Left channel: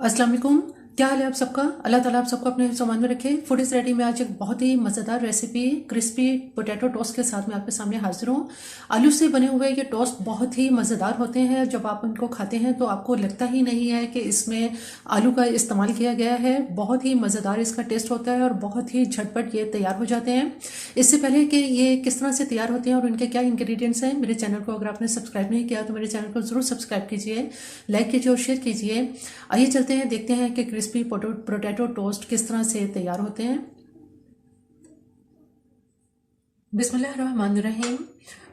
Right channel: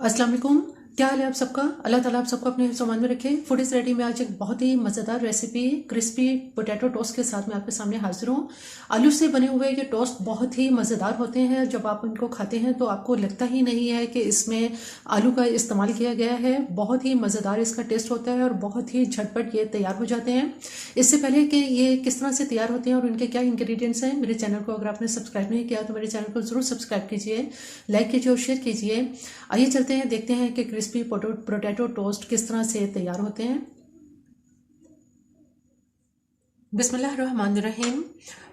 अस्सलाम वालेकुम। क्या हाल है आप सबका? अल्लाह ताला आप सबको अपने सामान में रखे। फूड इज़ रेडी में आज एक बहुत ही मज़ेदार रेसिपी क्रिस्पी पोटैटो टोस्ट के साथ मैं आपके सामने हाजिर हूँ। आलू से बने हुए ये टोस्ट बहुत ही मज़ेदार होते हैं। जब आप इनको खाते हैं तो आपको लगता ही नहीं है कि इसमें आलू का इस्तेमाल किया गया है। बहुत ही मज़ेदार इसका टेस्ट होता है और बहुत ही झटपट ये तैयार हो जाते हैं। इससे पहले कि ये किस तरह से तैयार होते हैं और इनके क्या इंग्रेडिएंट्स हैं, मेरे चैनल को अगर आपने सब्सक्राइब नहीं किया तो मेरे चैनल को ज़रूर सब्सक्राइब कीजिए, लाइक कीजिए और शेयर कीजिए। आइए चलते हैं, देखते हैं कि क्रिस्पी पोटैटो टोस्ट किस तरह से तैयार होते हैं। बिस्मिल्लाहिर्रहमानिर्रहीम।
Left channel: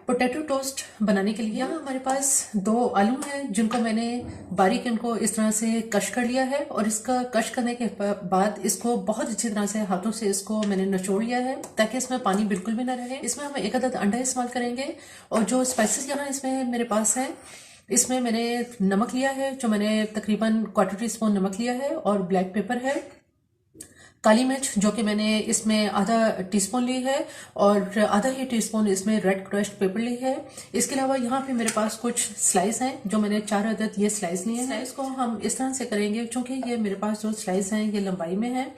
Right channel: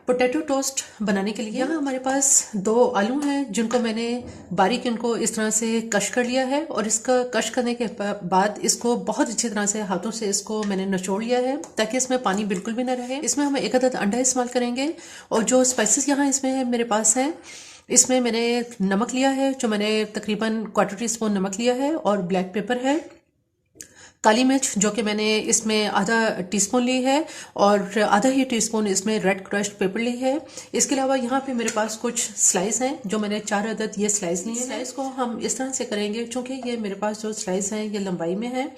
पोटैटो टोस्ट बनाने के लिए यहाँ हमारे पास 2 आलू हैं जिनको मैंने बारीक इनको इस तरह से कश कर लिया है और इसका कश करने के बाद इसको बहुत अच्छी तरह से हाथों से इसको मैंने निचोड़ लिया है ताकि इसमें पानी बिल्कुल भी ना रहे। इसमें हम 1 अदद अंडा इस्तेमाल करेंगे और जो स्पाइसेस यहाँ इसमें है मेरे पास है, इसमें मैंने नमक लिया है जो मैंने तकरीबन 1/4 टीस्पून नमक लिया है और ब्लैक पेपर है, काली मिर्च जो कि मैंने इसमें आधा टीस्पून ली है और आधा ही टीस्पून इसमें रेड क्रश्ड पेपर ली है। इसके अलावा यहाँ पे मेरे पास कुछ स्लाइस हैं जो मैंने 4 अदद ये स्लाइस लिए हैं। स्लाइस को हम इस तरह से करेंगे, चूंकि ये मेरे पास जो स्लाइस हैं ये लंबाई में है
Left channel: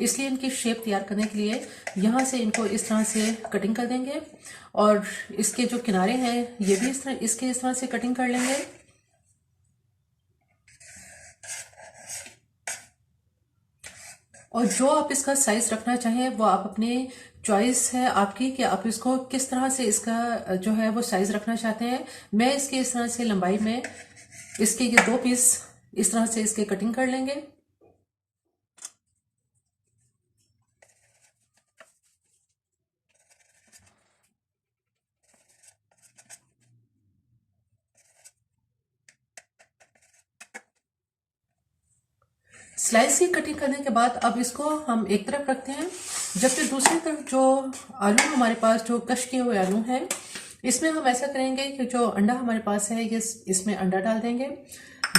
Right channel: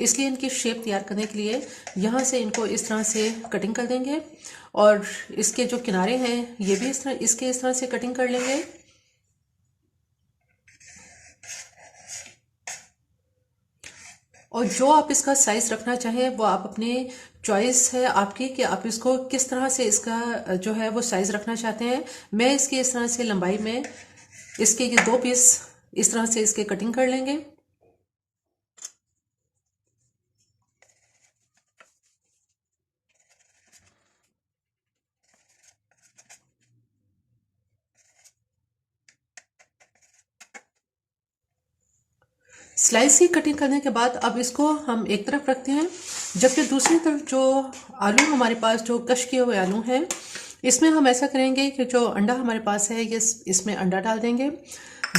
इसलिए इनकी शेप तैयार करने के लिए यहाँ से इनको इस तरह से कटिंग कर देंगे और इसके जो किनारे हैं ये भी इस तरह से कटिंग कर लेंगे। और जो आप इसका साइज रखना चाहें वो आप अपने चॉइस है आपकी कि आप इसको किस तरह से इसका जो है वो साइज रखना चाहते हैं। मैं इसकी इस तरह से लंबाई में इसके ये 2 पीस इस तरह से इसके कटिंग कर लेंगे। स्लाइस की कटिंग करने के बाद अब इसको हम एक तरफ रखते हैं, जबकि दूसरी तरफ जो आलू हमारे पास जो कश किए हुए आलू हैं इसमें हम ऐसा करेंगे कि जो अंडा हमारे पास है ये इसमें अंडा डाल देंगे।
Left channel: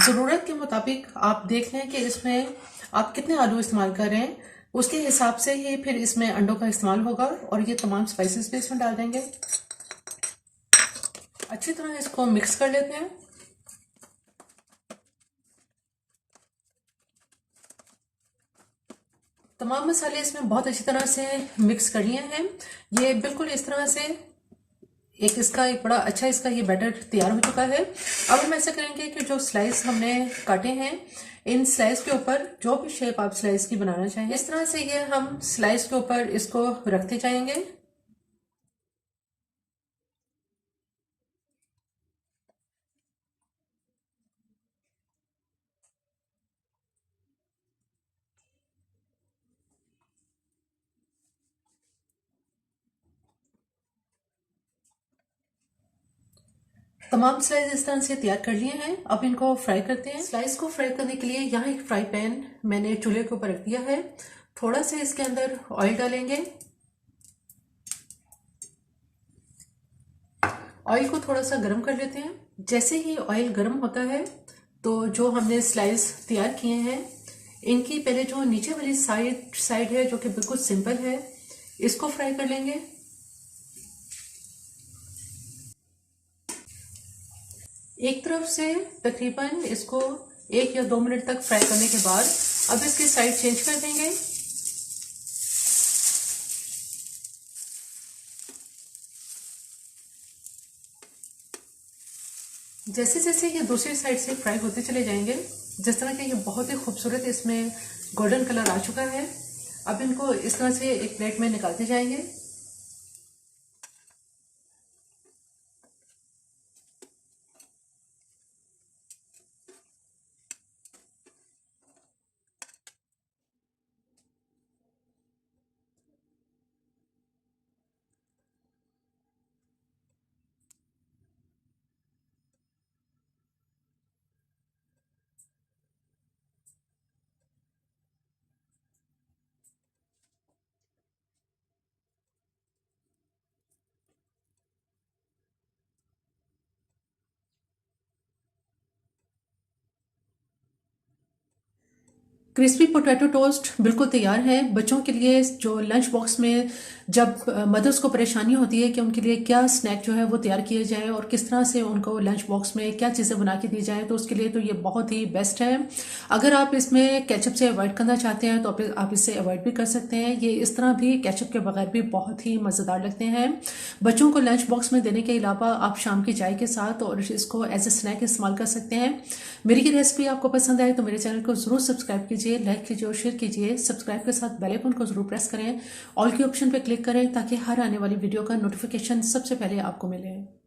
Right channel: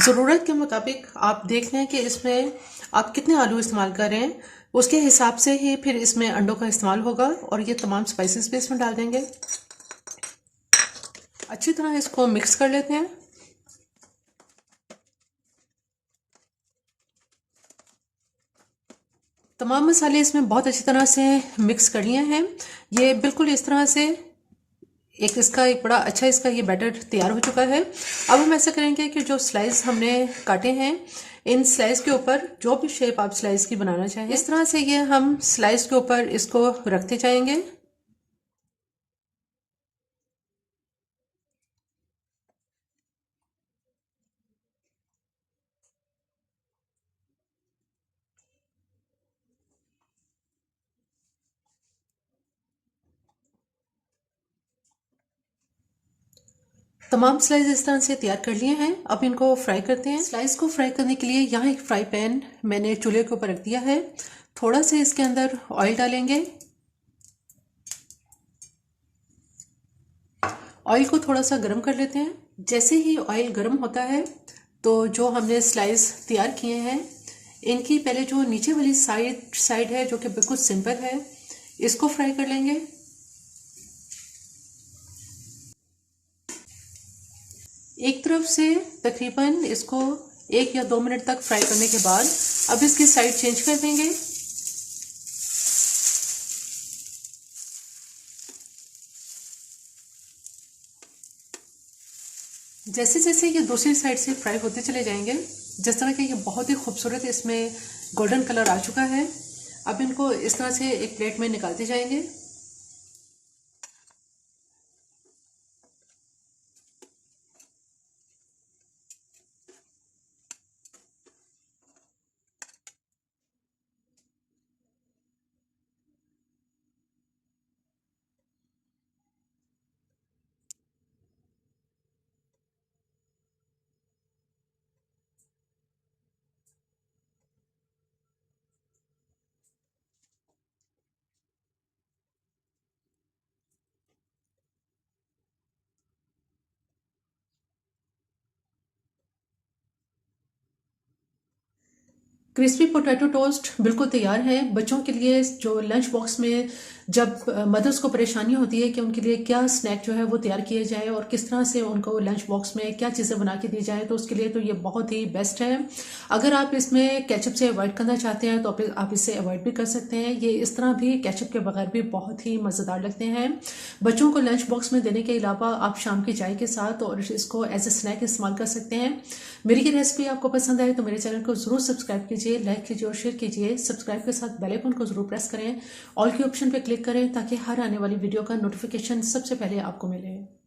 ज़रूरत के मुताबिक आप देख लें कि इसमें आप कितने आलू इस्तेमाल कर रहे हैं, उसके हिसाब से ही फिर इसमें अंडों का इस्तेमाल होगा और ये तमाम स्पाइसेस भी इसमें डाल देंगे। अच्छी तरह इसको मिक्स कर लेते हैं। तमाम मसाले इसमें बहुत अच्छी तरह से मिक्स कर लिए हैं। ये बिल्कुल इस तरह से एक बड़ा अच्छा इसका ये बैटर तैयार हो चुका है। अब हम ऐसा करेंगे कि जो स्लाइस हमने काटे हैं इन स्लाइस के ऊपर जो भी शेप आप स्लाइस की बनाना चाहें इस तरह से ये हम स्लाइस के ऊपर इसको रखते जाएंगे। तमाम स्लाइस इस तरह से तैयार कर लिए हैं। अब इनको फ्राई करते हैं। स्लाइस को फ्राई करने के लिए यहाँ एक फ्राई पैन मैंने चूल्हे के ऊपर रख दिया है। थोड़ा सा इसके अंदर ऑयल डालेंगे। ऑयल को थोड़ा सा गर्म कर लेते हैं। जैसे ही ऑयल गर्म होता है तो जो हमने स्लाइस तैयार किए हैं इनकी पहले जो नीचे वाली साइड है जो कि बिल्कुल सिंपल है इसको फ्राई कर लेंगे। एक तरफ से तकरीबन इसको 1 या 2 मिनट तक फ्राई करने के बाद अब इसकी साइड चेंज कर देंगे। जैसे जैसे ये दूसरी साइड से फ्राई होते चले जाएंगे, जिस तरह के ये बहुत ही खूबसूरत इसमें गोल्डन कलर आ चुका है, अब इनको इस तरह से एक प्लेट में निकालते जाएंगे। क्रिस्पी पोटैटो टोस्ट बिल्कुल तैयार है बच्चों के लिए। जो लंच बॉक्स में जब मदर्स को परेशानी होती है कि उनके लिए क्या स्नैक जो है वो तैयार किए जाए और किस तरह से उनको लंच बॉक्स में क्या चीज़ें बना के दी जाए, तो उसके लिए तो ये बहुत ही बेस्ट है। अगर आप इसमें केचप से अवॉइड करना चाहते हैं तो आप इसे अवॉइड भी कर सकते हैं। ये इस तरह भी केचप के बगैर भी बहुत ही मज़ेदार लगते हैं। बच्चों को लंच बॉक्स में देने के अलावा आप शाम की चाय के साथ और इसको एज ए स्नैक इस्तेमाल कर सकते हैं। मेरी ये रेसिपी आपको पसंद आए तो मेरे चैनल को जरूर सब्सक्राइब कीजिए, लाइक कीजिए और शेयर कीजिए। सब्सक्राइब के साथ बेल आइकन को जरूर प्रेस करें, ऑल के ऑप्शन पे क्लिक करें ताकि हर आने वाली वीडियो का नोटिफिकेशन सबसे पहले आपको मिले।